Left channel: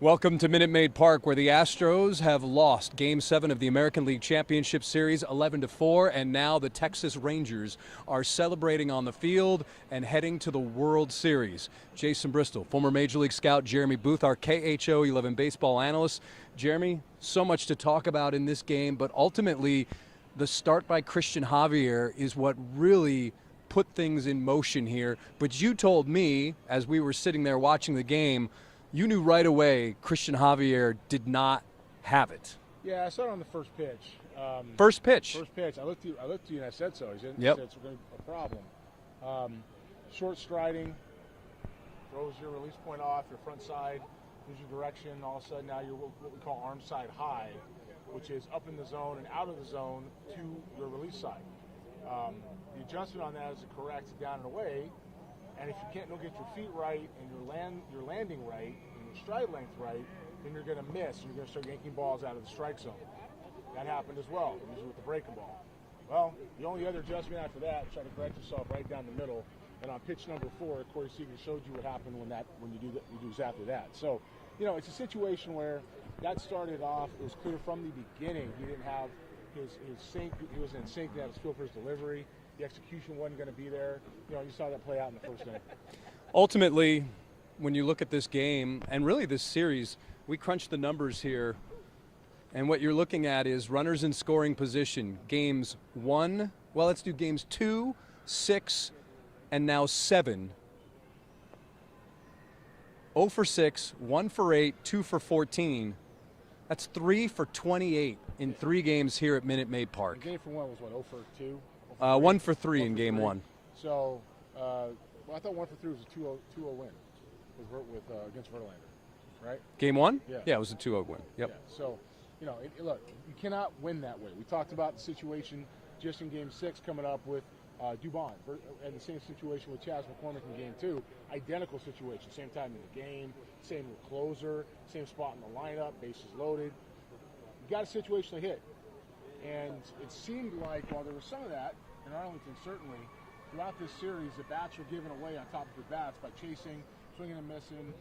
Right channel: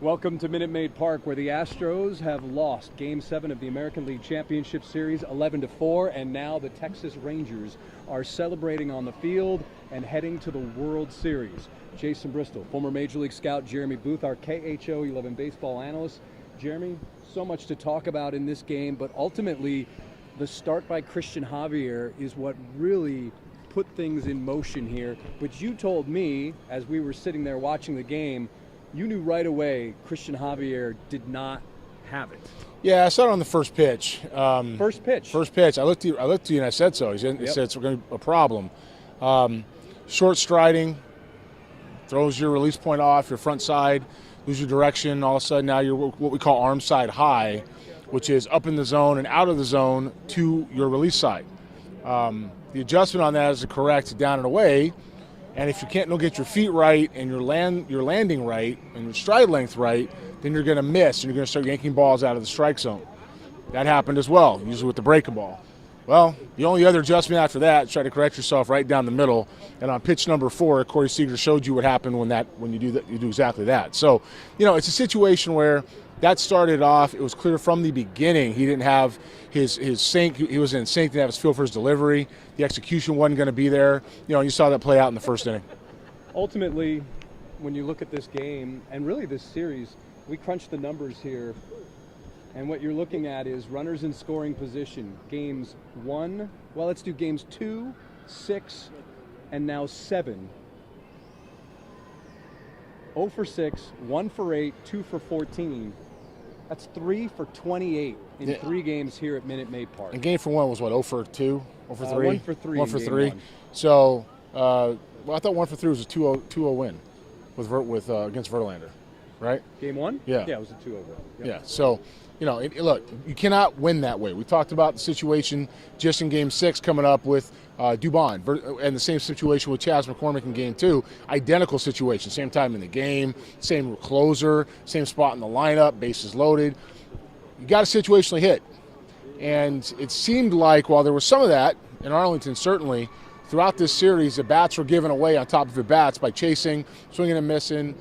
Welcome to Minute Maid Park, where the Astros have lost Game 7 of the American League Championship Series 11-4, and now the Texas Rangers are celebrating on the field and heading to the World Series. Jason Bristol, former Major League scout Jeremy Booth, our KHO 11 baseball analyst. Jeremy, so much to talk about in this game, but ultimately the start by Christian Javier is what really put things in motion here. But you told me, as we were sitting there watching the game, you knew right away Christian Javier did not have it. Yeah, I saw it on the first pitch. First pitch. First pitch. I looked at you and I said so. He said it's going to be a problem. Short striding, throws your release point off, your front side, lose your direction. All of a sudden now you're what we call arm side high, which is up in the zone and out of the zone to your release side. The adjustment on that is to correct down and away. And if you don't get your feet right and your landing right and your stride length right, then you're going to miss and you're going to start yanking balls out of the strike zone. That happened as well, usually with the breaking ball. Well, the only other adjustment after that is try to correct yourself right down the middle. And on pitch number 4, Corey Seager showed you what happened when you do that. You do exactly that. So, it's a situation where that started off. It was clear from the beginning he didn't have his sync. He was in sync. Didn't have his feel for his delivery. The execution wasn't going to be there. You saw that play out in the first inning. Ultimately, when you look at this game and really this series, we crunched the numbers here, and what you're looking at is runners in scoring position. Games 1, well, let's do games 2, 6, and now 7. 0 for 6, 1 for 8, 2 for 14. That's 3 for 28 in 3 games here at Minute Maid Park. And game for 1 was what, 0 for 2? 0 for 3? 1 for 3 1 for in game 3. 1. So, I thought 1 for 3 was a 2-0 win with against Verlander, right? Game 1? Yeah. Yeah, it was a 2-0 win. Yep. Yeah, so, look, you cannot win that way. We talked about the situation just in Game 6 coming up with Dubon, and the same situation with Chas McCormick in Game 2. Identical situation, same time in the game, same closer, same spot in the lineup, bases loaded. You got a situationally hit. And it seemed like while there was some of that, in Arlington certainly, throughout this series, the bats were given away on top of the bats by chasing, swinging and missing,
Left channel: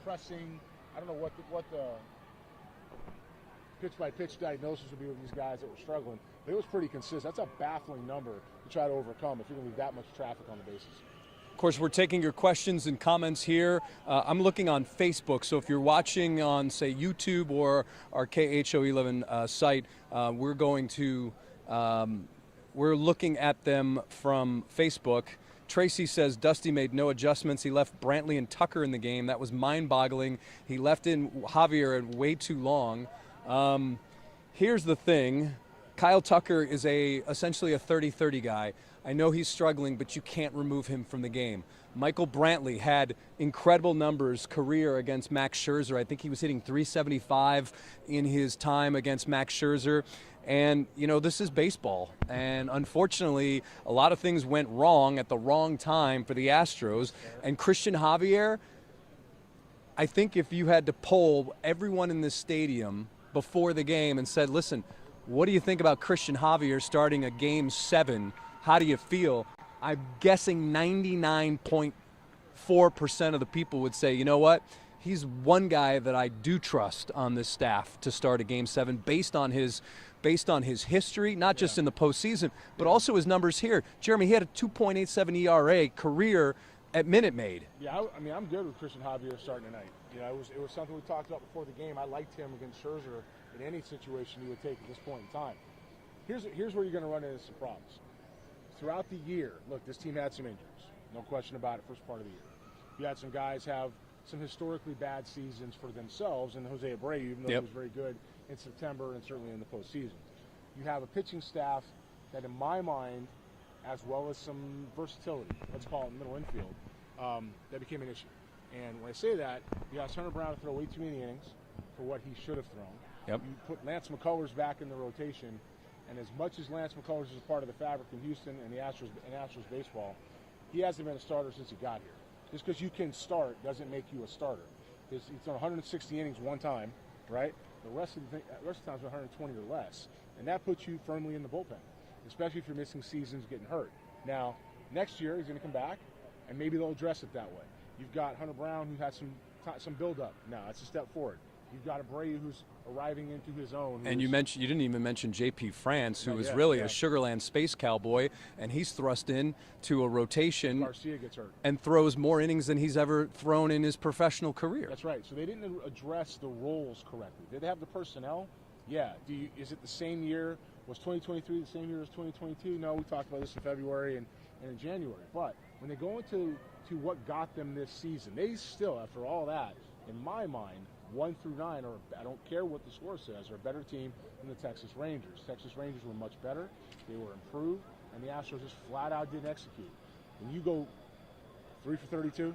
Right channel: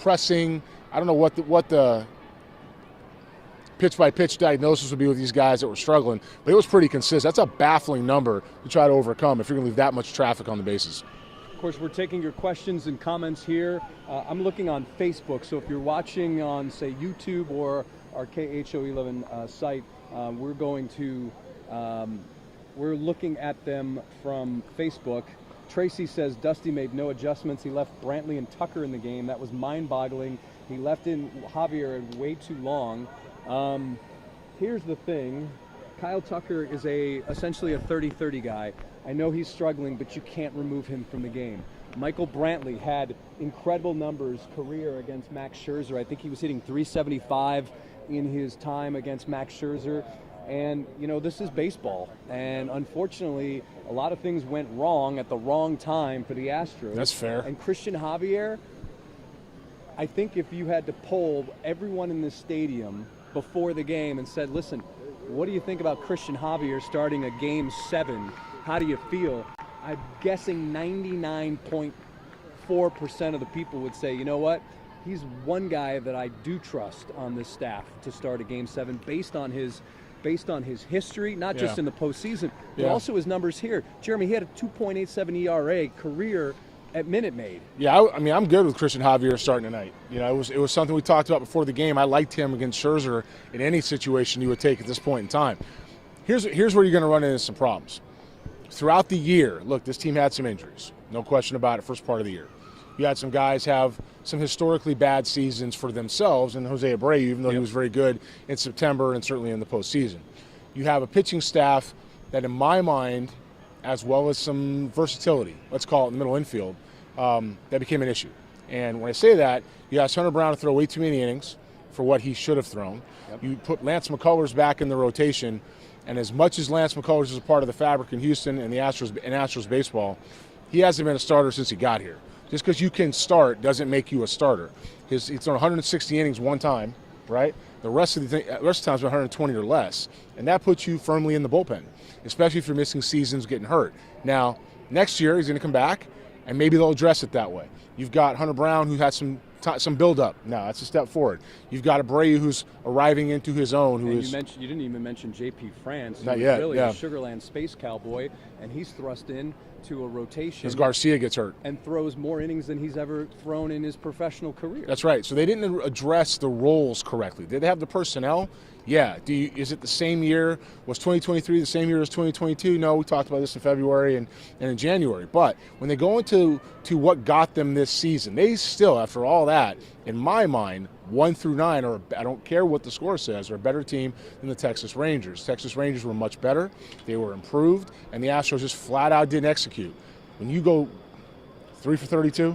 pressing. I don't know what the pitch-by-pitch diagnosis would be with these guys that were struggling, but it was pretty consistent. That's a baffling number to try to overcome if you're going to leave that much traffic on the bases. Of course, we're taking your questions and comments here. I'm looking on Facebook, so if you're watching on, say, YouTube or our KHO11 site, we're looking at them from Facebook. Tracy says Dusty made no adjustments. He left Brantley and Tucker in the game. That was mind-boggling. He left in Javier way too long. Here's the thing. Kyle Tucker is essentially a 30-30 guy. I know he's struggling, but you can't remove him from the game. Michael Brantley had incredible numbers career against Max Scherzer. I think he was hitting 375 in his time against Max Scherzer. And, this is baseball. And unfortunately, a lot of things went wrong at the wrong time for the Astros. That's fair. And Christian Javier, I think if you had to poll everyone in this stadium before the game and said, listen, what do you think about Christian Javier starting a Game 7? How do you feel? I'm guessing 99.4% of the people would say, you know what? He's one guy that I do trust on this staff to start a Game 7 based on his history, not just in the postseason, but also his numbers here. Jeremy, he had a 2.87 ERA career at Minute Maid. Yeah, I'm good with Christian Javier starting tonight. It was something we talked about before the game. I liked him against Scherzer in any situation you would take at this point in time. Here's where you're going to run into some problems. Throughout the year, look, this team had some injuries. No question about it, first part of the year. You had some guys have some historically bad seasons for themselves, and Jose Abreu, even though he was very good in September and certainly in the postseason. You have a pitching staff that, in my mind, as well as some versatility, let's call it in the middle infield, that became an issue. And when I say that, you asked Hunter Brown to throw way too many innings for what he should have thrown. Yep. You put Lance McCullers back in the rotation, and as much as Lance McCullers is a part of the fabric in Houston and the Astros baseball, he hasn't been a starter since he got here. Just because you can start doesn't make you a starter. He's thrown 160 innings one time, right? The rest of the time's been 120 or less, and that puts you firmly in the bullpen, especially if you're missing seasons, getting hurt. Now, next year he's going to come back, and maybe they'll address it that way. You've got Hunter Brown, who had some some build-up. No, that's a step forward. You've got Abreu who's arriving into his own. You didn't even mention J.P. France, who's really a Sugarland space cowboy, and he's thrust in to a rotation. As Garcia gets hurt. And throws more innings than he's ever thrown in his professional career. That's right. So they didn't address the roles correctly. Did they have the personnel? Yeah. Is it the same year? Was 2023 the same year as 2022? No, we talked about this in February and in January. But when they go into what got them this season, they still, after all that, in my mind, 1 through 9, or I don't care what the score says, are a better team than the Texas Rangers. Texas Rangers were much better. They were improved, and the Astros just flat out didn't execute. When you go 3 for 32,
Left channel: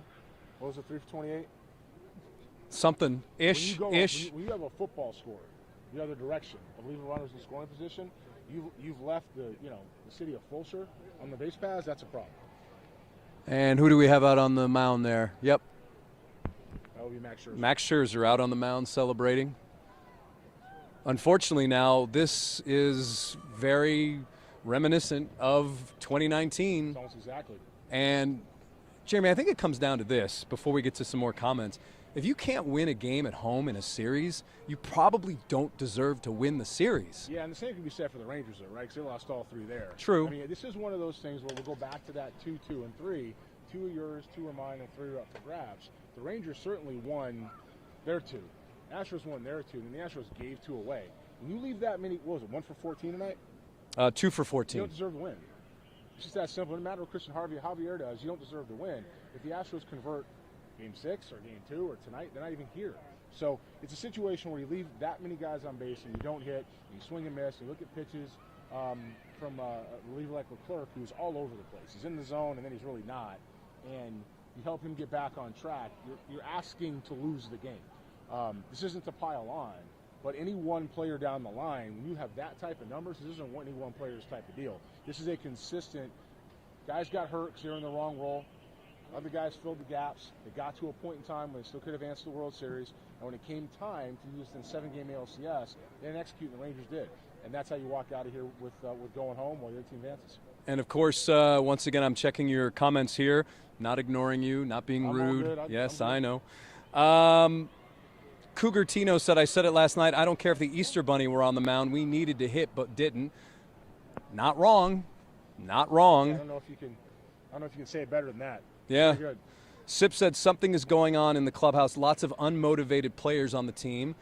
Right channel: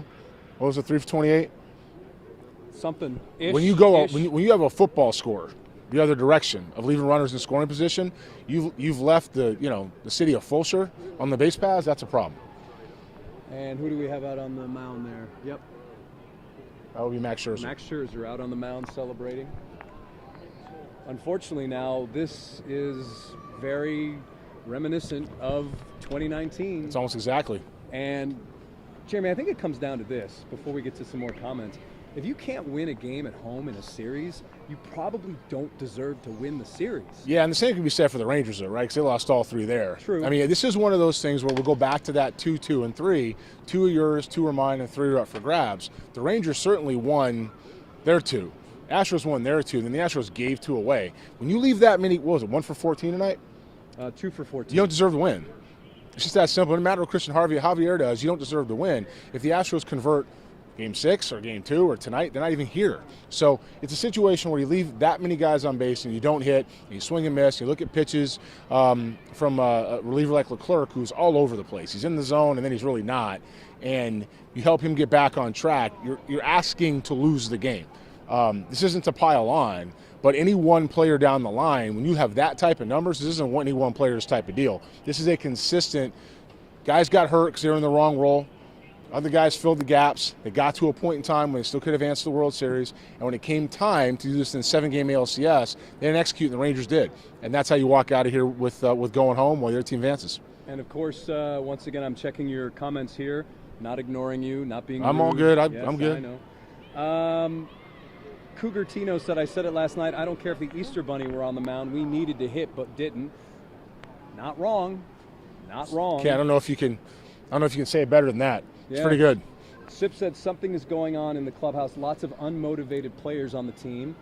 what was it, 3 for 28? Something-ish. When you go, when you have a football score the other direction of leaving runners in scoring position, you've left the city of Fulshear on the base paths. That's a problem. And who do we have out on the mound there? Yep. That would be Max Scherzer. Max Scherzer out on the mound celebrating. Unfortunately now, this is very reminiscent of 2019. It's almost exactly. And, Jeremy, I think it comes down to this, before we get to some more comments. If you can't win a game at home in a series, you probably don't deserve to win the series. Yeah, and the same can be said for the Rangers, though, right? Because they lost all 3 there. True. I mean, this is one of those things where we'll go back to that 2, 2, and 3. 2 are yours, 2 are mine, and 3 are up for grabs. The Rangers certainly won their 2. Astros won their 2, and then the Astros gave 2 away. When you leave that many, what was it, 1 for 14 tonight? 2 for 14. You don't deserve to win. It's just that simple. No matter what Christian Javier does, you don't deserve to win. If the Astros convert Game 6 or Game 2 or tonight, they're not even here. So it's a situation where you leave that many guys on base and you don't hit, and you swing and miss. You look at pitches from a reliever like Leclerc, who's all over the place. He's in the zone and then he's really not. And you help him get back on track. You're asking to lose the game. This isn't to pile on, but any one player down the line, when you have that type of numbers, this isn't any one player's type of deal. This is a consistent, guys got hurt because they're in the wrong role. Other guys filled the gaps. They got to a point in time when they still could have advanced to the World Series. And when it came time to do this in 7-game ALCS, they didn't execute, and the Rangers did. And that's how you walk out of here with going home while your team advances. And, of course, once again, I'm checking your comments here, not ignoring you, not being rude. I'm all good. Yes, I'm good. I know. Cougar Tino said, I said it last night, I don't care if the Easter Bunny were on the mound. We needed to hit but didn't. Not wrong. Not wrong. Okay, I don't know if you can say it better than that. It's pretty good. Sip said something is going on in the clubhouse. Lots of unmotivated players on the team.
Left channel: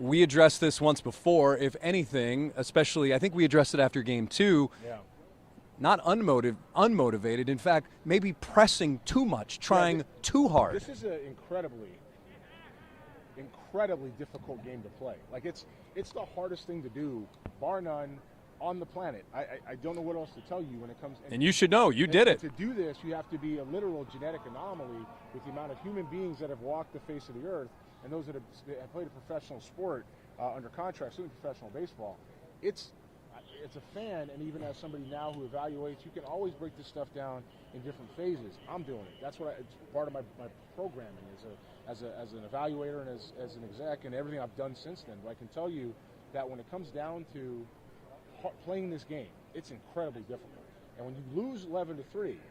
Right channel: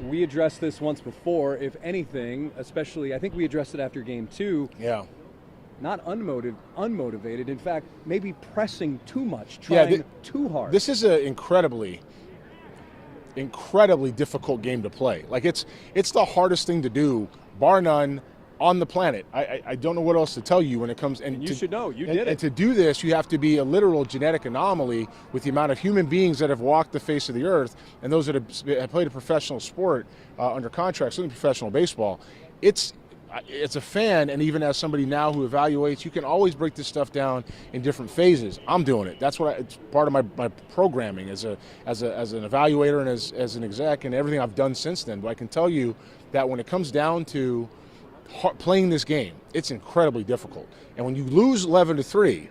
We addressed this once before. If anything, especially, I think we addressed it after Game 2. Yeah. Not unmotivated. In fact, maybe pressing too much, trying too hard. This is an incredibly difficult game to play. Like it's the hardest thing to do, bar none, on the planet. I don't know what else to tell you when it comes. And you should know. You did it. And to do this, you have to be a literal genetic anomaly with the amount of human beings that have walked the face of the earth and those that have played a professional sport under contract, certainly professional baseball. It's a fan, and even as somebody now who evaluates, you can always break this stuff down in different phases. I'm doing it. That's what it's part of my programming as an evaluator and as an exec and everything I've done since then. But I can tell you that when it comes down to playing this game, it's incredibly difficult. And when you lose 11-3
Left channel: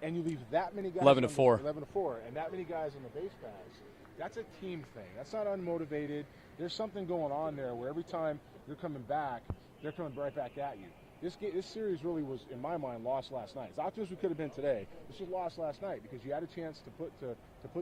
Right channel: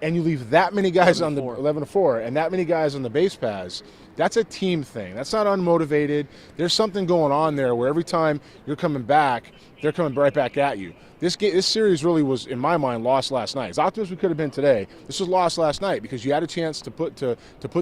and you leave that many guys on the 11-4 and that many guys on the base paths, that's a team thing. That's not unmotivated. There's something going on there where every time you're coming back, they're coming right back at you. This series really was, in my mind, lost last night. As optimistic as we could have been today, this was lost last night because you had a chance to put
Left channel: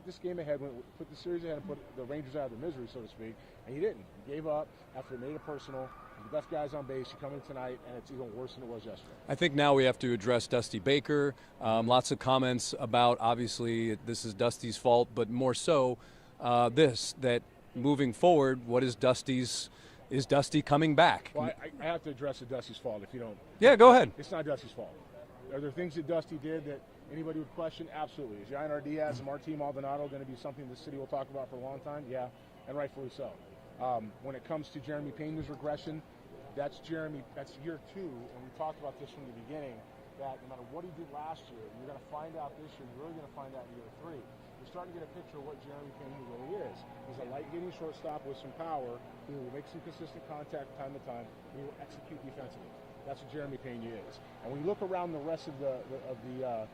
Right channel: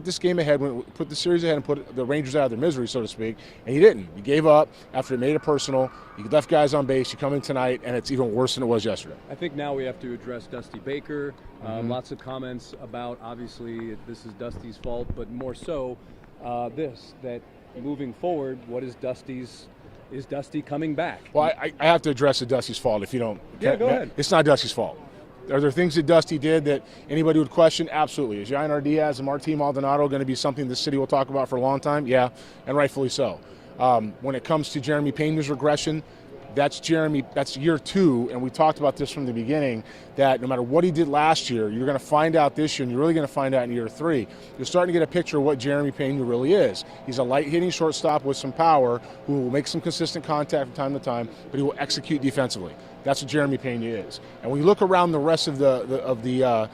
this game ahead, put the series ahead, and put the Rangers out of their misery, so to speak, and you didn't. You gave up after it made it personal. You left guys on base. You come in tonight, and it's even worse than it was yesterday. I think now we have to address Dusty Baker. Lots of comments about, obviously, this is Dusty's fault, but more so that moving forward, what is Dusty's? Is Dusty coming back? Well, I have to address the Dusty's fault if you don't. Yeah, go ahead. It's not Dusty's fault. Are there things that Dusty did that anybody would question? Absolutely. Is Yainer Diaz and Martín Maldonado going to be something the city will talk about for a long time? Yeah, and rightfully so. When it comes to Jeremy Pena's regression, that's year 2, and we talked about this from the beginning, that no matter what he did last year, you're going to find out this year, and you're really going to find out in year 3. You're starting to get a picture of what Jeremy Pena really is. He's a light-hitting shortstop with some power who will make some consistent contact from time to time, but he will execute defensively. That's what Jeremy Pena is. And when you look around the rest of the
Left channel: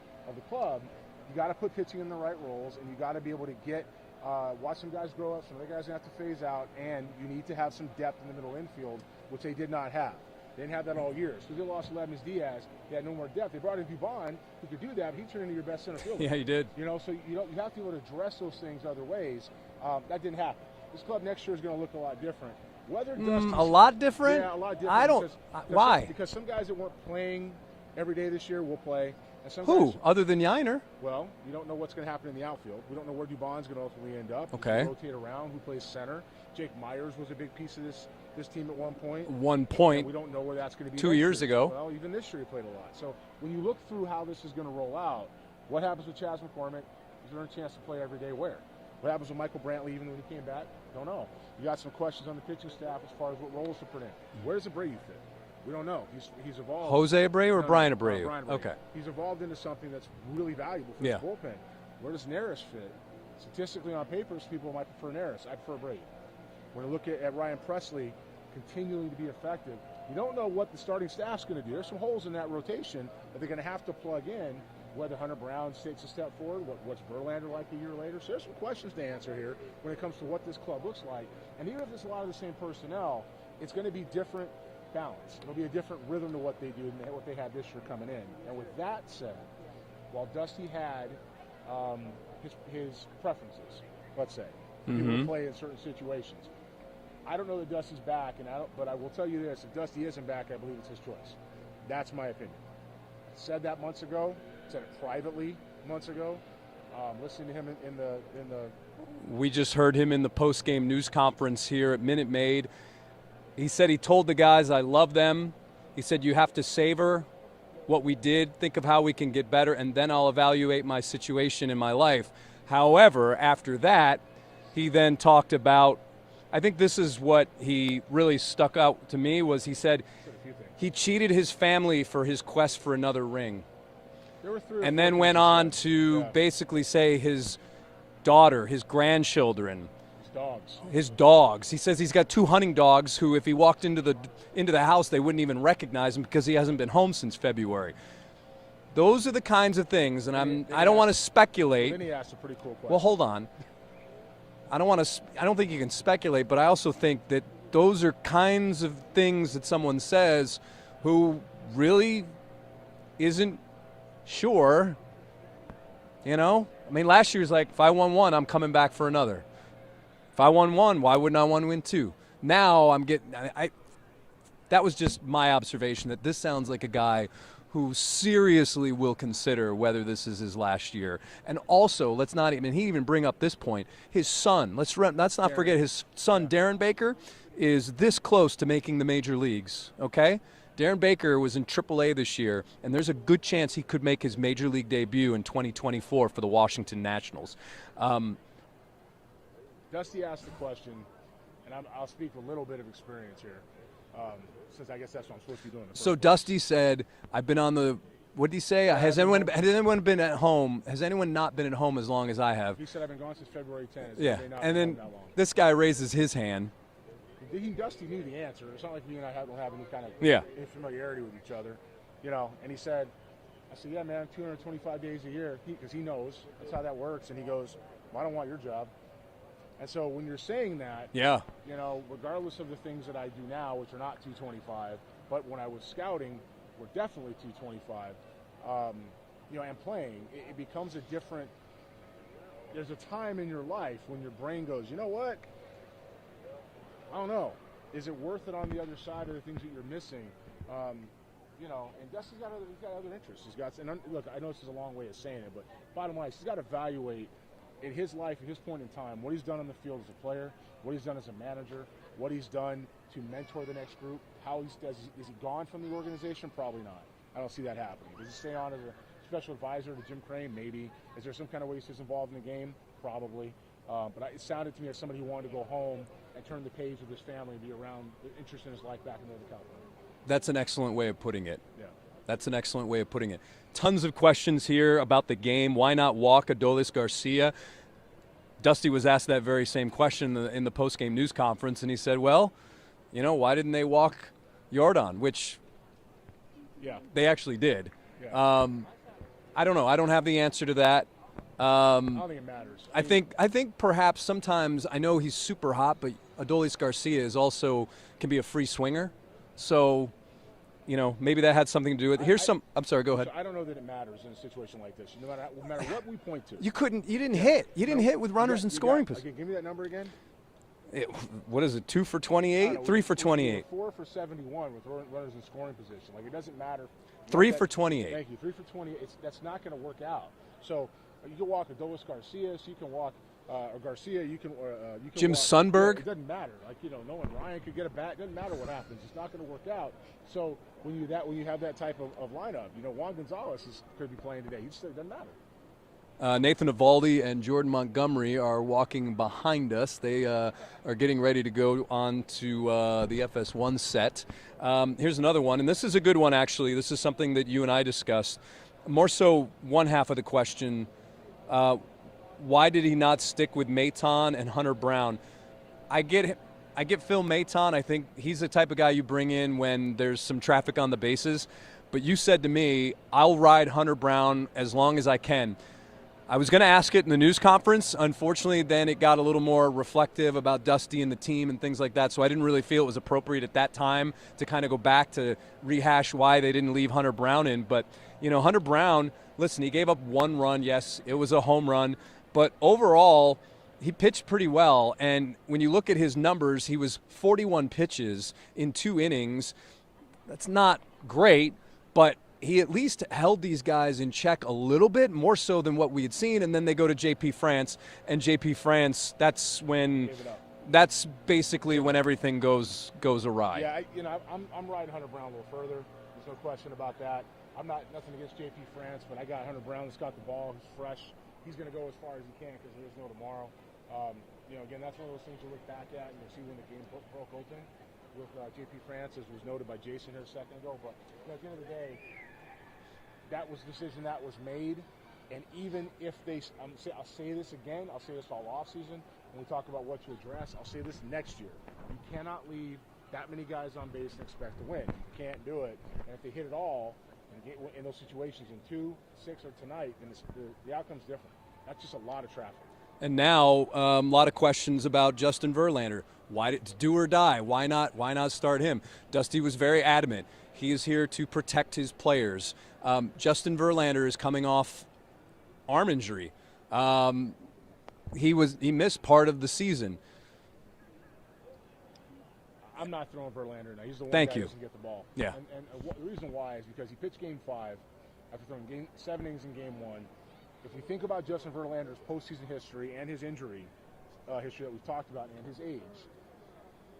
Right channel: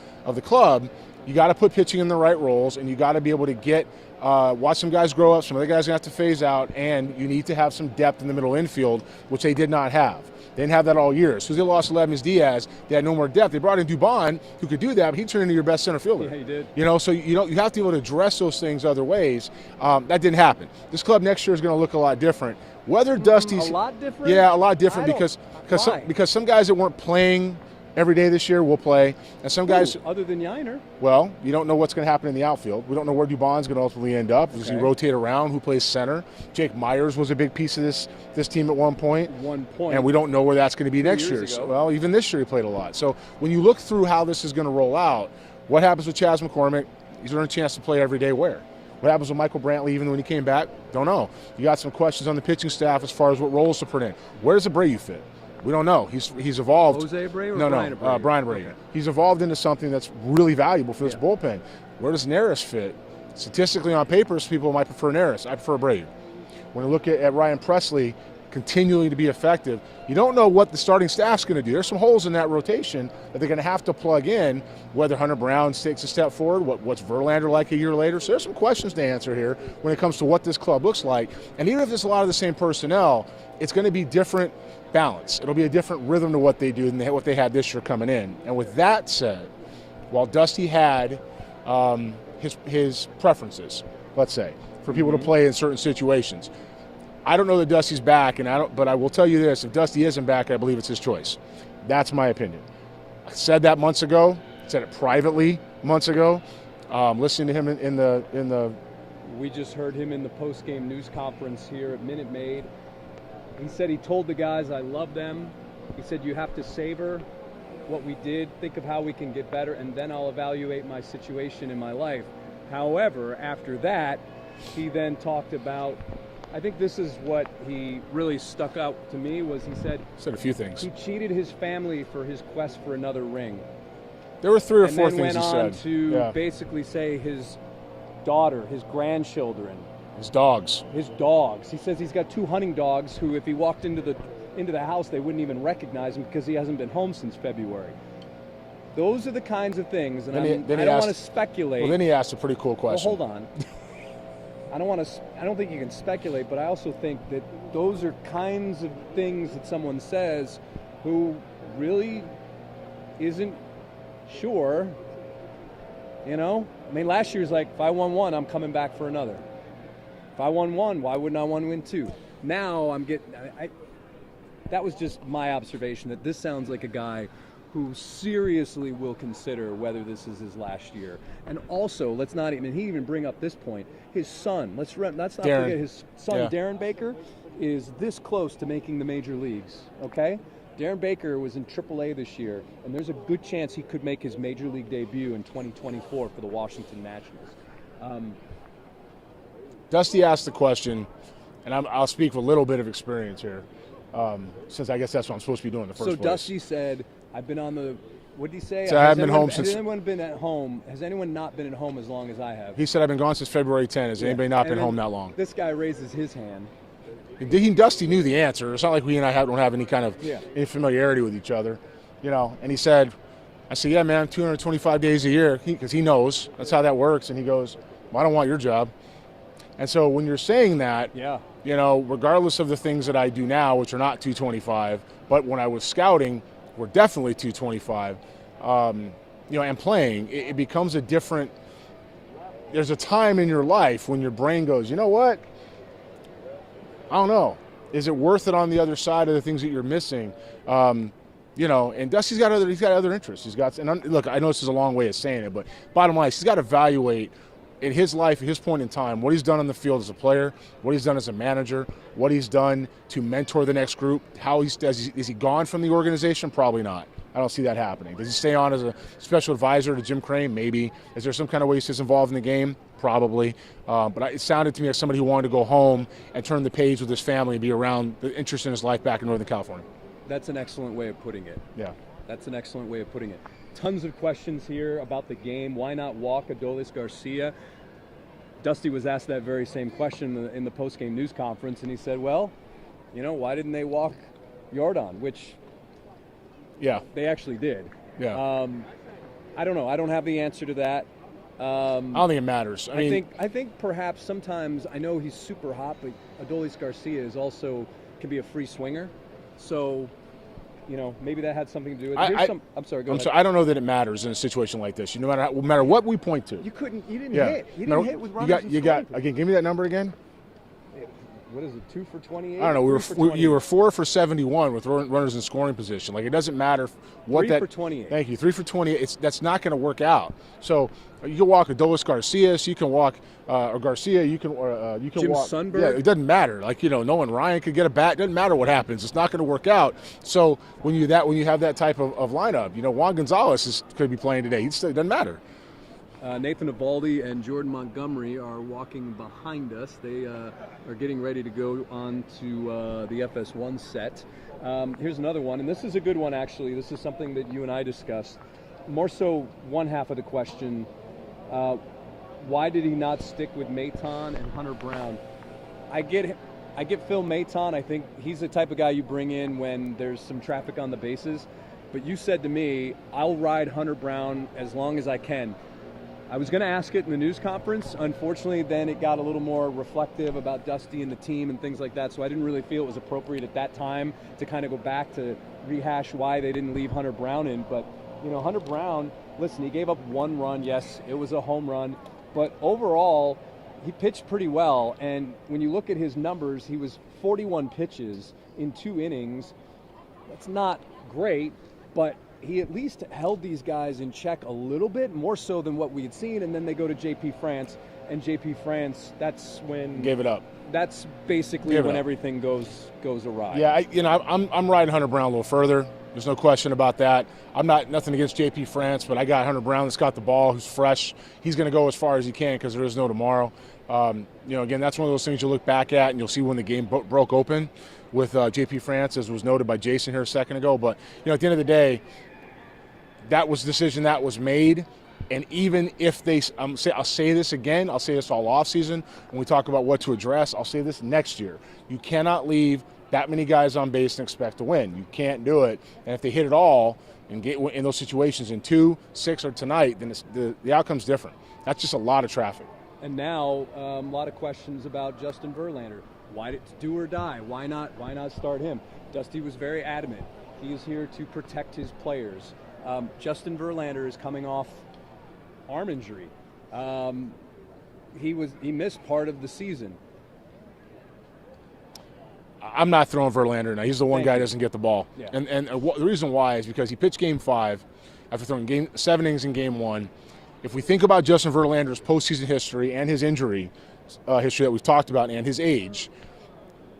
club, you got to put pitching in the right roles, and you got to be able to get Watch some guys grow up. Some other guys are going to have to phase out, and you need to have some depth in the middle infield, which they did not have. They didn't have that all year. As soon as they lost Lemus Diaz, they had no more depth. They brought in Dubon, who could do that, but he turned into your best center fielder. Yeah, he did. You know, so you have to be able to address those things other ways. That didn't happen. This club next year is going to look a lot different. Whether Dusty's a lot different? Yeah, a lot different why? because some guys that weren't playing every day this year will play, and some guys other than Yiner. Well, you don't know what's going to happen in the outfield. We don't know where Dubon's going to ultimately end up. Does he rotate around? Who plays center? Jake Myers was a big piece of this team at one point. And we don't know where that's going to be next year. Ago. Well, even this year he played a lot. So when you look through how this is going to roll out, what happens with Chas McCormick? He's earned a chance to play every day where? What happens with Michael Brantley even when he came back? Don't know. You got some questions on the pitching staff as far as what roles to put in. Where does Abreu fit? We don't know. He's evolved. Jose Abreu or Brian Abreu? Brian Abreu. Okay. He's evolved into something that's really valuable for this bullpen. Where does Neris fit? Statistically on paper, some people might prefer Neris. I prefer Abreu. When you look at Ryan Presley continuing to be effective, you don't know what the starting staff's going to do. There's some holes in that rotation that they're going to have to plug in, whether Hunter Brown takes a step forward, what's Verlander like a year later. So there's some questions to answer here when it comes to what this club looks like. And even if it's a lot of the same personnel, it's going to be different balance. It'll be a different rhythm to what they do than what they had this year coming in. And with that said, while Dusty had his preferences, let's say, for people to play in certain situations, I don't know that Dusty's back, but I will tell you this: if Dusty isn't back, I believe it's his choice. That's my opinion. I said that months ago. Said it privately months ago. Listening to him in the. We just heard him in the post-game news conference here at Minute Maid. He said he told the guys, I love them. He said, you have to savor what we did, think of how we can get better, and then I'll evaluate my situation in my life. However, after that, he then talked about, I think this is what he really stuck out to me, was he said a few things. He cheated his family for his quest for another ring. There were 3 or 4 things. And then went on to basically say his daughter, his grandchildren, his dogs. He says he's got 2 hunting dogs who, if he walked into the house, they wouldn't even recognize him because he hasn't been home since February. Those are the kinds of things, and I don't want to speculate. Well, then he asked a pretty cool question. Well, hold on. I don't think you can speculate, but I also think that those are kinds of things that someone says who really isn't sure. You know? I mean, last year was like, if I won 1, I'm coming back for another. If I won 1, why wouldn't I want to win 2? Now I'm getting. That was just my observation, that this sounds like a guy who seriously will consider whether this is his last year. And also, let's not even bring up this point. His son, let's not forget his son, Darren Baker, is this close to making the major leagues, okay? Darren Baker was in AAA this year, and there's a good chance he could make his major league debut in 2024 for the Washington Nationals. Dusty asked the question, and I'll speak with a little bit of experience here, since I guess that's what I'm supposed to be doing in the first place. So Dusty said, I've been on the, what did he say? So has anyone been at home? Has anyone not been at home as long as I have? He said, I've been gone since February 10. Has anybody not been home that long? This guy raises his hand. Dusty knew the answer. It's not like we and I don't have any kind of any familiarity with each other, you know. And he said, I said, yeah, man, 225 days a year, because he knows that's how that works. And he goes, well, I don't want your job. And so when you're saying that, you know, regardless of the things that I do now, which are not 225, but when I was scouting, were definitely 225, you know, and playing, it becomes a different. There's a time in your life when your brain goes, you know what? I don't know. Is it worth it on the other side of the things that you're missing? You know, and Dusty's got other interests. He's got, and look, I know this is a long way of saying it, but bottom line, he's got to evaluate in his life, at his point in time, what he's done on the field as a player, what he's done as a manager, what he's done to mentor the next group. Is he gone from the organization? Probably not. I don't see that happening. Does he stay on as a special advisor to Jim Crane? Maybe. Is there some kind of way he stays involved in the game? Probably. But it sounded to me like somebody who wanted to go home and turn the page with his family and be around the interest in his life back in Northern California. That's an excellent way of putting it. Yeah. That's an excellent way of putting it. Tons of questions here about the game. Why not walk Adolis Garcia? Dusty was asked that very same question in the post-game news conference, and he said, well, you know, why didn't they walk Yordan? Which they actually did. Yeah. I don't know. I don't have the answer to that. I don't think it matters. I think perhaps sometimes, I know he's super hot, but Adolis Garcia is also can be a free swinger. So, maybe that had something to do with it. I'm sorry, go ahead. I don't know that it matters in a situation like this. No matter what we point to. You didn't hit. You didn't hit with runners in scoring position. Okay, give me that number again. What is it, 2 for 28? I don't know. 3 for 28. You were 4 for 71 with runners in scoring position. Like, it doesn't matter. 3 for 28. Thank you. 3 for 28. That's not going to work out. So you can walk Adolis Garcia. So you can walk Garcia. You can Jim walk Sundberg. Yeah, it doesn't matter. Like, Nolan Ryan could get a bat. It doesn't matter what happens. It's not going to work out. So when you have that type of lineup, Juan Gonzalez could be playing today. It doesn't matter. Nathan Eovaldi and Jordan Montgomery are walking behind us. They are getting ready to go on to the FS1 set. Here's another one, and this is a good one, actually. This is something that you and I discussed. More so, one half of the question, why did he not stick with Maton and Hunter Brown? I get Phil Maton. I think he's the type of guy you bring in when there's some traffic on the bases. But you said to me, I'll ride Hunter Brown as long as I can. I was going to ask it in the news conference. Unfortunately, then it got a little more reflective about Dusty and the team and things like that, so I didn't really feel it was appropriate at that time to kind of go back to rehash why they didn't leave Hunter Brown in. But, Hunter Brown, listen, he gave up 1 run. Yes, it was a home run. But overall, he pitched pretty well. And when you look at his numbers, he was 41 pitches in 2 innings. That's not great, but he at least held these guys in check a little bit, more so than what we had seen. And then they go to JP France, and JP France, that's when gave it up. That's basically when everything goes awry. Yeah, I'm riding Hunter Brown a little further. There's no question about that. I'm nothing against JP France, but I got Hunter Brown that's got the ball, who's fresh. He's going to go as far as he can because there is no tomorrow. Again, that's one of those things you look back at and you'll see when the game broke open with JP France, as was noted by Jason here a second ago. But at the end of the day, that was the decision that was made. And even if I'll say this again, I'll say this all offseason when we talk about what to address, I'll say this next year. You cannot leave that many guys on base and expect to win. You can't do it. And if they hit it all and get in those situations in 2, 6, or tonight, then the outcome's different. That's just a lot of traffic. And now a lot of questions about Justin Verlander. Why did do or die? Why not start him? Dusty was very adamant. He is here to protect his players. Justin Verlander is coming off arm injury. He missed part of the season. I'm not throwing Verlander now. He's the one guy who you. doesn't get the ball. Yeah. And the reason why is because he pitched Game 5 after throwing 7 innings in Game 1. If we think about Justin Verlander's postseason history and his injury history that we've talked about and his age,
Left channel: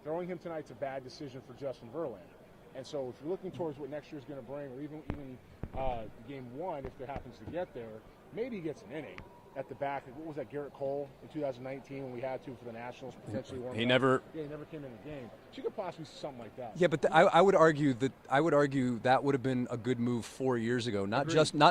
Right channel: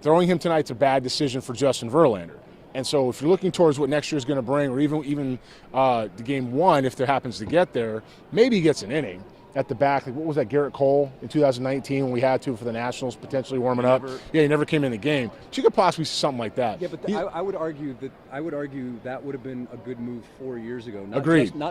throwing him tonight's a bad decision for Justin Verlander. And so if you're looking towards what next year is going to bring, or even the Game 1, if there happens to get there, maybe he gets an inning at the back. Like, what was that, Garrett Cole in 2019 when we had to for the Nationals potentially warming up? He never came in the game. But you could possibly see something like that. Yeah, but I would argue that would have been a good move 4 years ago. Not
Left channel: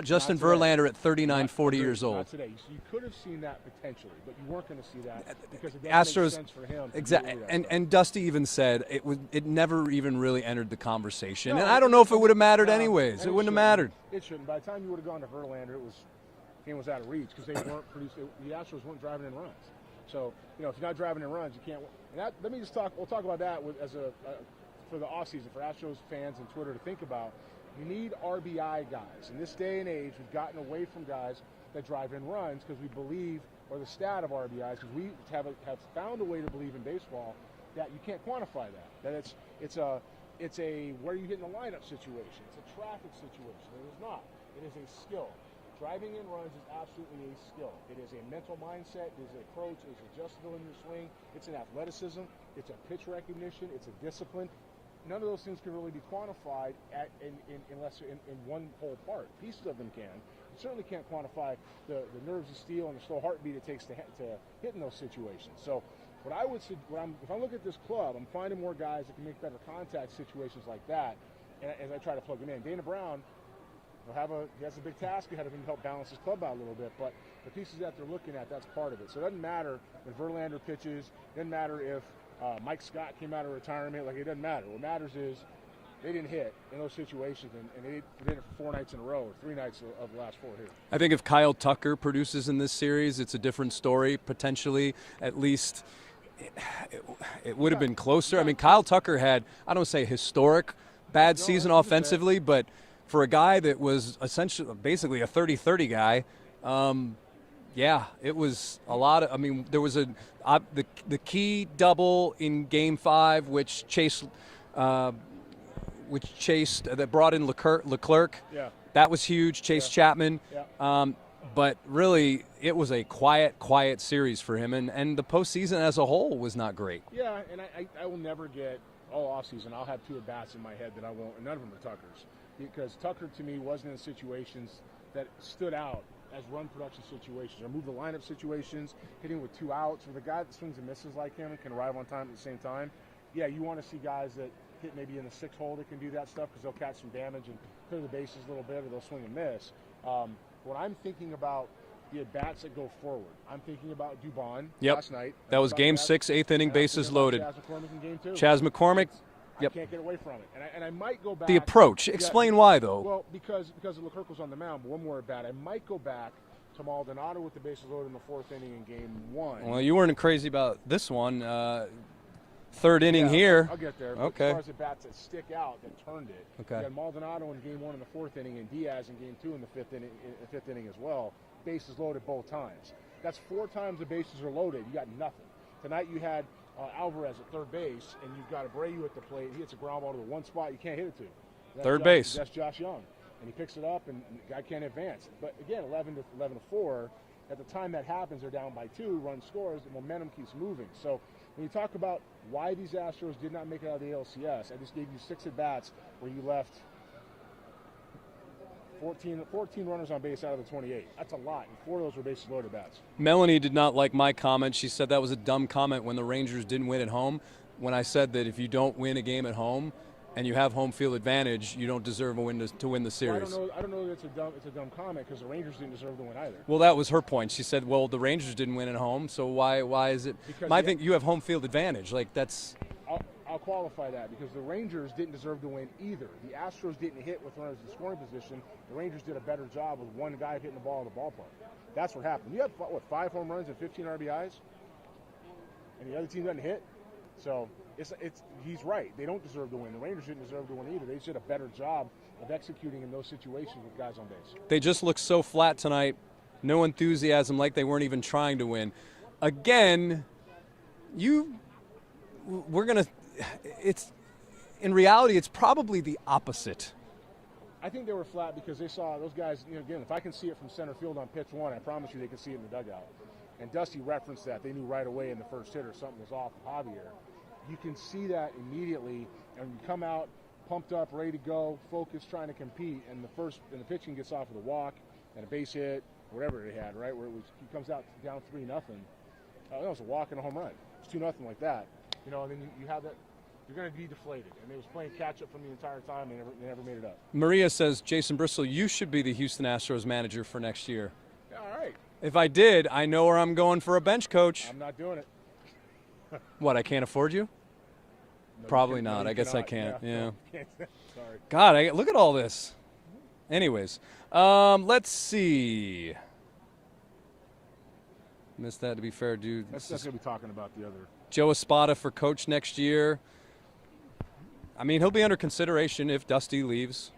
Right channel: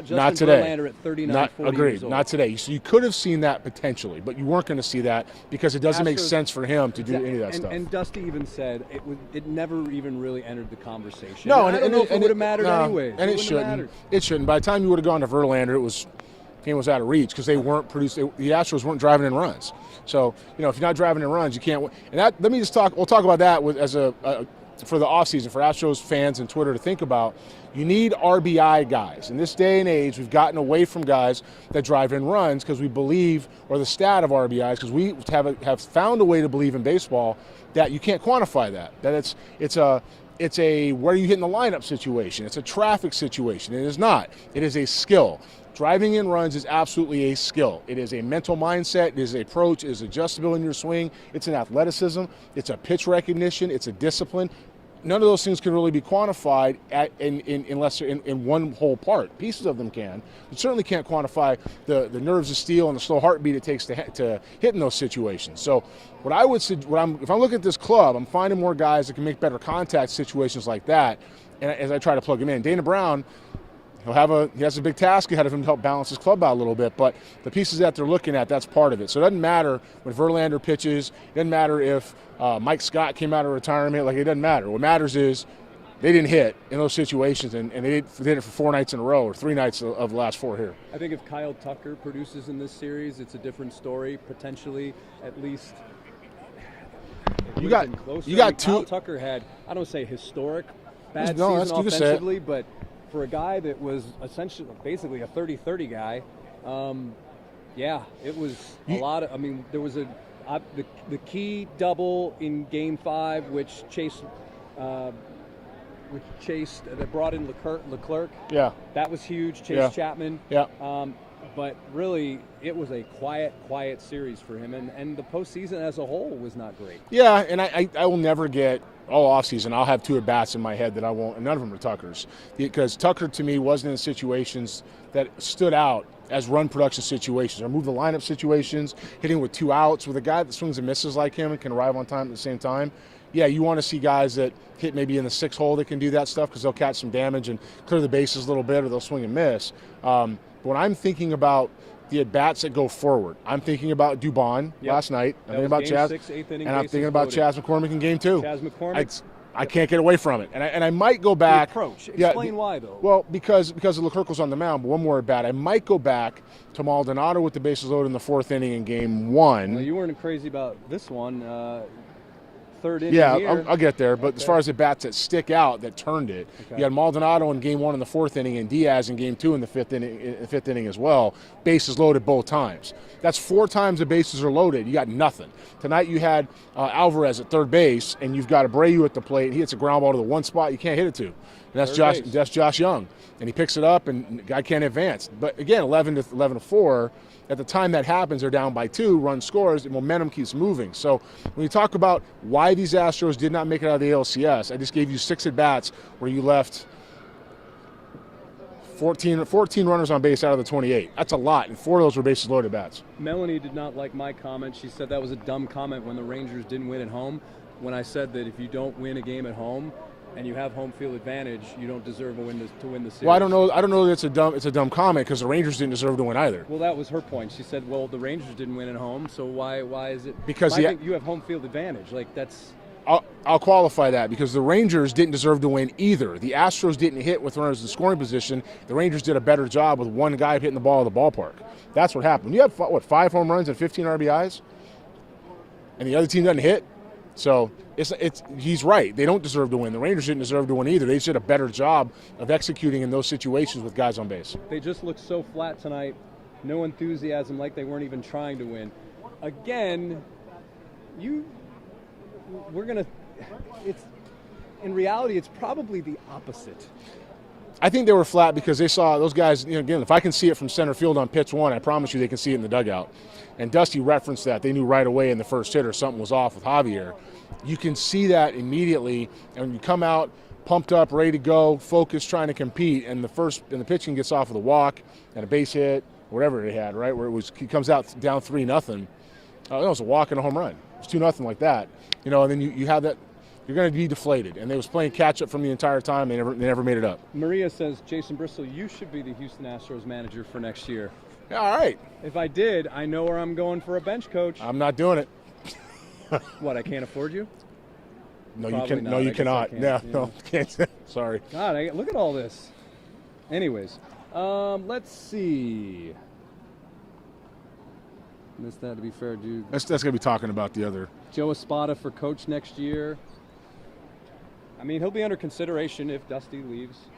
Justin Verlander at 39, 40 years old. Not today. So you could have seen that potentially, but you weren't going to see that because it doesn't make sense for him to do any of that stuff. And Dusty even said it never even really entered the conversation. No, I don't know if it would have mattered anyways. And it wouldn't have mattered. It shouldn't. By the time you would have gone to Verlander, game was out of reach because they weren't producing. The Astros weren't driving in runs. So if you're not driving in runs, you can't win. And let me just talk. We'll talk about that for the offseason for Astros fans and Twitter to think about. You need RBI guys. In this day and age, we've gotten away from guys that drive in runs because we believe, or the stat of RBIs, because we have found a way to believe in baseball that you can't quantify that. That it's a where are you hitting the lineup situation. It's a traffic situation. It is not. It is a skill. Driving in runs is absolutely a skill. It is a mental mindset. It is an approach. It is adjustability in your swing. It's an athleticism. It's a pitch recognition. It's a discipline. None of those things can really be quantified unless they're in one whole part. Pieces of them can. You certainly can't quantify the nerves of steel and the slow heartbeat it takes to hit in those situations. So if I'm looking at this club, I'm finding more guys that can make better contact situations like that. And as I try to plug them in, Dana Brown, he has a big task ahead of him to help balance his club out a little bit, but the pieces that they're looking at, that's part of it. So it doesn't matter when Verlander pitches. It doesn't matter if Mike Scott came out of retirement. It doesn't matter. What matters is They didn't hit in those situations, and they did it for 4 nights in a row, or 3 nights of the last 4 here. I think if Kyle Tucker produces in this series, it's a different story, potentially. At least it would have been closer. Kyle Tucker had, I don't say historic bad season offensively, but for a guy that was essentially basically a 30-30 guy, yeah, it was a lot of, I mean, there was the key double in Game 5, which that brought in Leclerc. Yeah. That was huge. Chase Chapman. Yeah. But really, it was a quiet series for him, and the postseason as a whole was not great. Yeah, and I will never get all offseason. I'll have 2 at-bats in my head that I won't, and none of them are Tucker's. Because Tucker, to me, wasn't in situations that stood out as run production situations, or move the lineup situations, hitting with 2 outs. With a guy that swings and misses like him and can arrive on time at the same time, yeah, you want to see guys that hit maybe in the 6 hole that can do that stuff because they'll catch some damage and clear the bases a little bit, or they'll swing and miss. But when I'm thinking about the at-bats that go forward, I'm thinking about Dubon last night. That was Game 6, 8th inning, bases loaded. I'm thinking about Chas McCormick in Game 2. Chas McCormick. I can't get away from it. And I might go back. The approach. Explain why, though. Well, because Leclerc was on the mound, but one more at-bat. I might go back to Maldonado with the bases loaded in the 4th inning in Game 1. Well, you weren't crazy about this one. 3rd inning here. I'll get there. But as far as the bats that stick out, that turned it, you had Maldonado in Game 1 in the 4th inning, and Diaz in Game 2 in the 5th inning as well. Bases loaded both times. That's 4 times the bases are loaded. You got nothing. Tonight you had Alvarez at third base, and you've got Abreu at the plate. He hits a ground ball to the one spot you can't hit it to. And that's Josh Young, and he picks it up, and the guy can't advance. But again, 11-4. At the time that happens, they're down by 2, run scores, and momentum keeps moving. So when you talk about why these Astros did not make it out of the ALCS, I just gave you 6 at-bats where you left 14 runners on base out of the 28. That's a lot, and 4 of those were bases loaded bats. Melanie did not like my comment. She said that was a dumb comment when the Rangers didn't win at home. When I said that if you don't win a game at home and you have home field advantage, you don't deserve to win the series. Well, I don't know that it's a dumb comment, because the Rangers didn't deserve to win either. Well, that was her point. She said, well, the Rangers didn't win at home, so why is it? Because I think you have home field advantage. Like, that's... I'll qualify that, because the Rangers didn't deserve to win either. The Astros didn't hit with runners in scoring position. The Rangers did a better job with one guy hitting the ball at the ballpark. That's what happened. You have, 5 home runs and 15 RBIs? And the other team doesn't hit? So he's right. They don't deserve to win. The Rangers didn't deserve to win either. They just did a better job of executing in those situations with guys on base. They just looked so flat tonight. No enthusiasm, like they weren't even trying to win. Again, in reality, it's probably the opposite. I think they were flat because they saw those guys, again, if I can see it from center field on pitch 1, I promise you they can see it in the dugout. And Dusty referenced that. They knew right away in the first hitter something was off with Javier. You can see that immediately, and when you come out pumped up, ready to go, focused, trying to compete, and the pitching gets off with a walk and a base hit, whatever they had, right, where he comes out down 3-0. It was a walk and a home run. It was 2-0 like that. And then you have that. You're going to be deflated. And they was playing catch-up from the entire time. They never made it up. Maria says, Jason Bristol, you should be the Houston Astros manager for next year. Yeah, all right. If I did, I know where I'm going for a bench coach. I'm not doing it. What, I can't afford you? No, Probably you can, not. no, you I guess cannot. I can't. Yeah, Yeah. no, can't. Sorry. God, look at all this. Anyways, let's see. Missed that, to be fair, dude. That's going to be talking about the other. Joe Espada for coach next year. I mean, he'll be under consideration if Dusty leaves.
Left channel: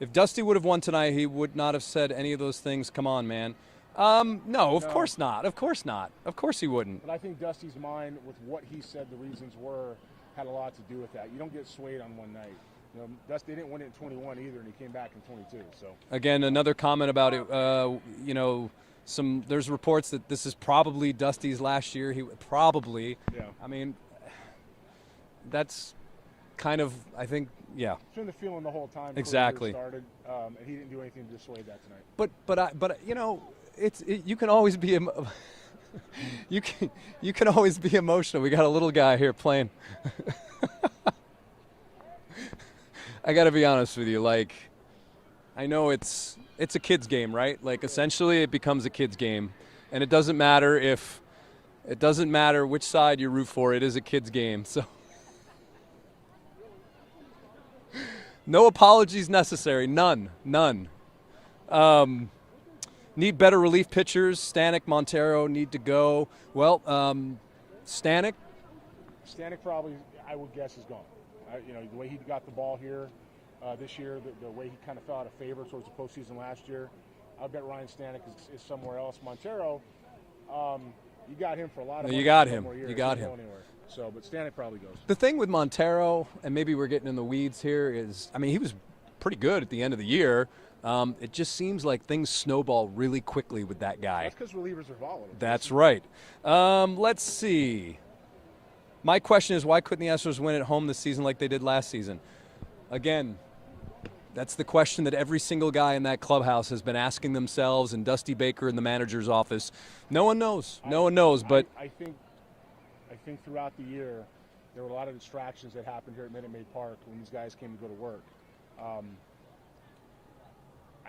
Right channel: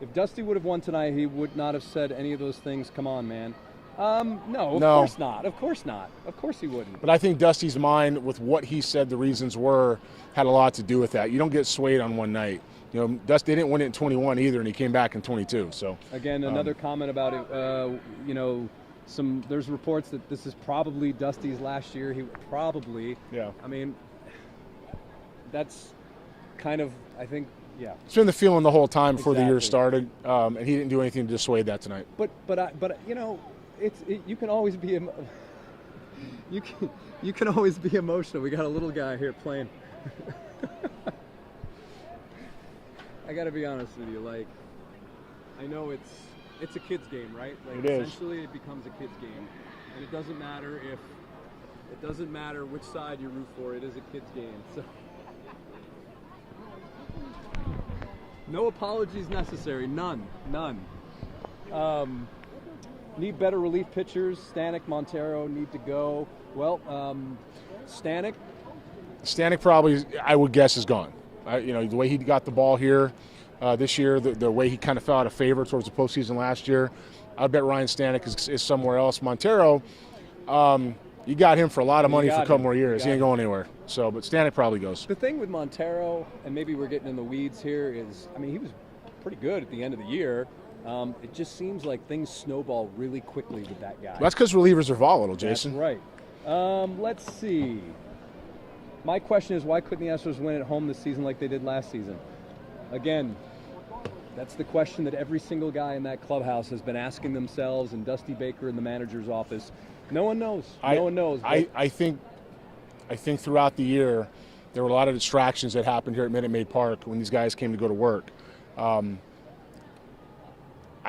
If Dusty would have won tonight, he would not have said any of those things. Come on, man. No, of course not. Of course not. Of course he wouldn't. But I think Dusty's mind with what he said the reasons were had a lot to do with that. You don't get swayed on one night. Dusty didn't win it in 21 either, and he came back in 22. So again, another comment about it. There's reports that this is probably Dusty's last year. He would probably. Yeah. I mean, that's kind of, I think, yeah. It's been the feeling the whole time before the year Exactly. started, and he didn't do anything to dissuade that tonight. But you can always be you can always be emotional. We got a little guy here playing. I got to be honest with you. Like, I know it's a kid's game, right? Like, essentially, it becomes a kid's game, and it doesn't matter which side you root for. It is a kid's game. So No apologies necessary. None. Need better relief pitchers. Stanek, Montero need to go. Well, Stanek probably, I would guess, is gone. The way he got the ball here this year, the way he kind of fell out of favor towards the postseason last year, I bet Ryan Stanek is somewhere else. Montero, you got him for a lot of money for a couple more years. He ain't going anywhere. So, but Stanek probably goes. The thing with Montero, and maybe we're getting in the weeds here, is, I mean, he was pretty good at the end of the year. It just seems like things snowball really quickly with that guy. That's because relievers are volatile, Jason. That's right. Let's see. My question is, why couldn't the Astros win at home this season like they did last season? Again, that's the question that every single guy in that clubhouse has been asking themselves, and Dusty Baker in the manager's office. No one knows. No one knows. But I think throughout the year, there were a lot of distractions that happened here at Minute Maid Park when these guys came to go to work.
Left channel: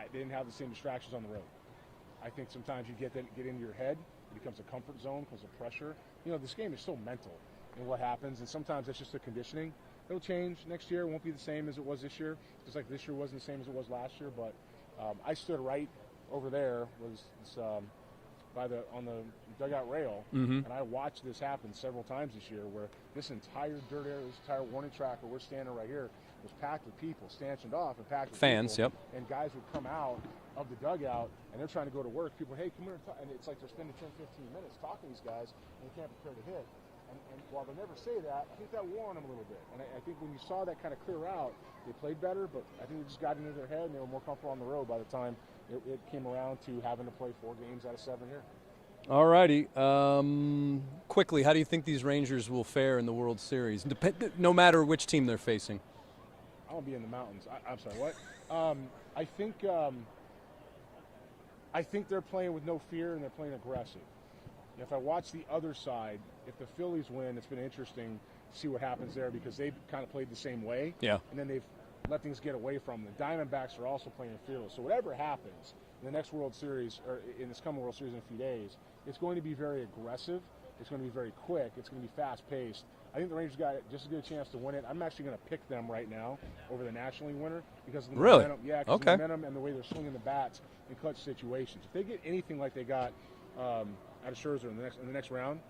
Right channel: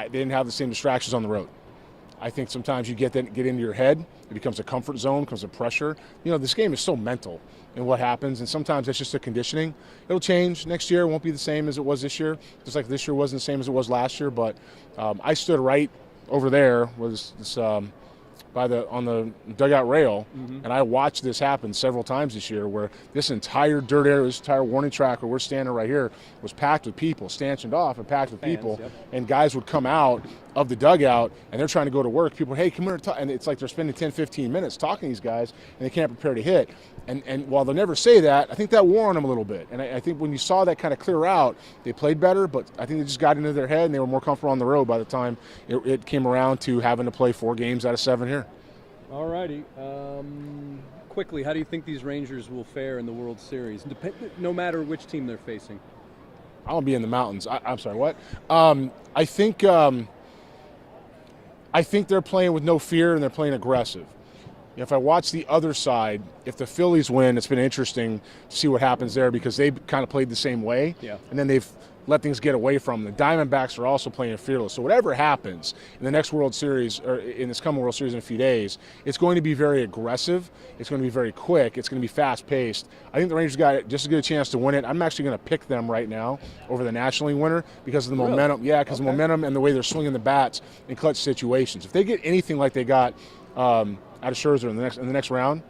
They didn't have the same distractions on the road. I think sometimes you get into your head. It becomes a comfort zone, becomes a pressure. This game is so mental in what happens, and sometimes that's just a conditioning. It'll change next year. It won't be the same as it was this year, just like this year wasn't the same as it was last year. But I stood right over there on the dugout rail, and I watched this happen several times this year, where this entire dirt area, this entire warning track where we're standing right here, was packed with people, stanchioned off and packed with fans, people. yep. And guys would come out of the dugout, and they're trying to go to work. People, hey, come here, and it's like they're spending 10, 15 minutes talking to these guys, and they can't prepare to hit. And while they'll never say that, I think that wore on them a little bit. And I think when you saw that kind of clear out, they played better, but I think they just got into their head, and they were more comfortable on the road by the time it came around to having to play 4 games out of 7 here. All righty. Quickly, how do you think these Rangers will fare in the World Series, no matter which team they're facing? I'll be in the mountains. I'm sorry, what? I think they're playing with no fear, and they're playing aggressive. If I watch the other side, if the Phillies win, it's been interesting to see what happens there, because they kind of played the same way. Yeah. And then they've let things get away from them. The Diamondbacks are also playing fearless. So whatever happens in the next World Series, or in this coming World Series in a few days, it's going to be very aggressive. It's going to be very quick. It's going to be fast-paced. I think the Rangers got just as good a chance to win it. I'm actually going to pick them right now over the National League winner because of the momentum. Yeah, because the momentum and the way they're swinging the bats in clutch situations. If they get anything like they got out of Scherzer in the next round,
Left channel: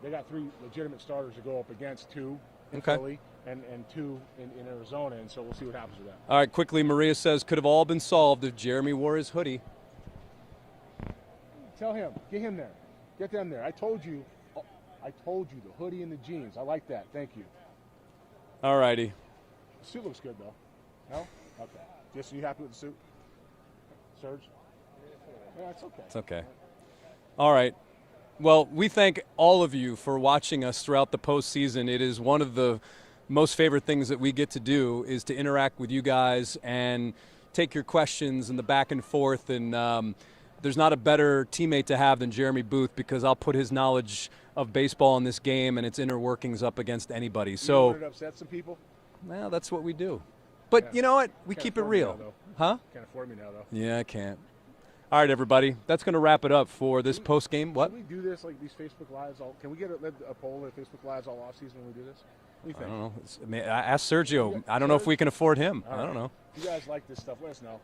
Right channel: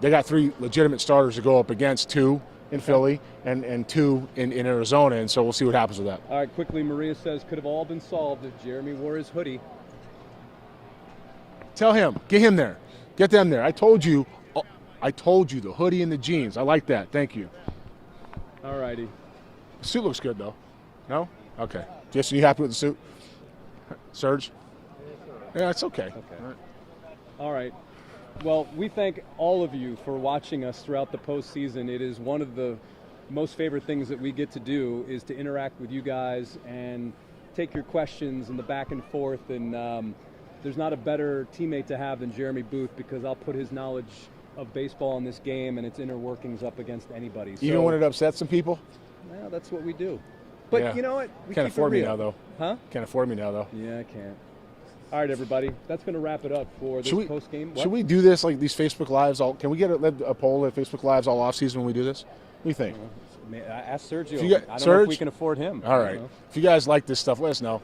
they got 3 legitimate starters to go up against 2 in Philly and 2 in Arizona, and so we'll see what happens with that. All right, quickly, Maria says, could have all been solved if Jeremy wore his hoodie. Tell him, get him there. Get them there. I told you the hoodie and the jeans. I like that. Thank you. All righty. The suit looks good, though. No? Okay. Jason, you happy with the suit? Serge? Yeah, it's okay. It's okay. All right. Well, we thank all of you for watching us throughout the postseason. It is one of the most favorite things that we get to do, is to interact with you guys and take your questions and the back and forth. And there's not a better teammate to have than Jeremy Booth, because I'll put his knowledge of baseball in this game and its inner workings up against anybody. So, even when it upsets some people? Well, that's what we do. But yeah. You know what? We Can't keep it afford real. me now, though. Huh? Can't afford me now, though. Yeah, I can't. All right, everybody. That's going to wrap it up for this post-game. Should we do this, like these Facebook Lives? Can we get a poll at Facebook Lives all off-season when we do this? What do you think? Ask Sergio. I don't know if we can afford him. All right. If you guys like this stuff, let us know.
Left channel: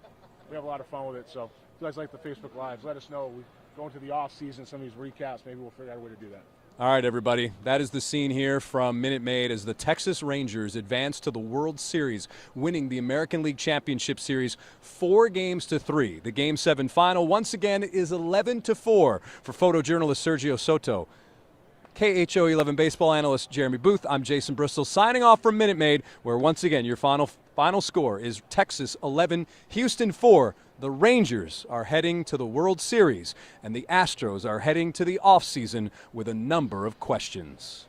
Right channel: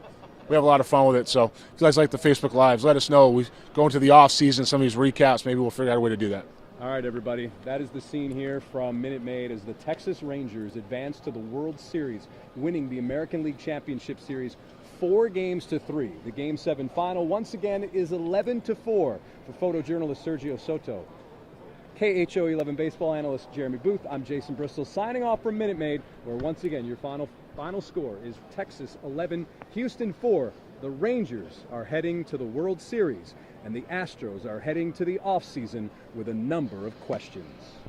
We have a lot of fun with it. So if you guys like the Facebook Lives, let us know. We go into the off-season, some of these recaps. Maybe we'll figure out a way to do that. All right, everybody. That is the scene here from Minute Maid as the Texas Rangers advance to the World Series, winning the American League Championship Series 4-3. The Game 7 final, once again, is 11-4 for photojournalist Sergio Soto. KHO 11 baseball analyst Jeremy Booth. I'm Jason Bristol, signing off from Minute Maid, where once again your final score is Texas 11, Houston 4. The Rangers are heading to the World Series, and the Astros are heading to the offseason with a number of questions.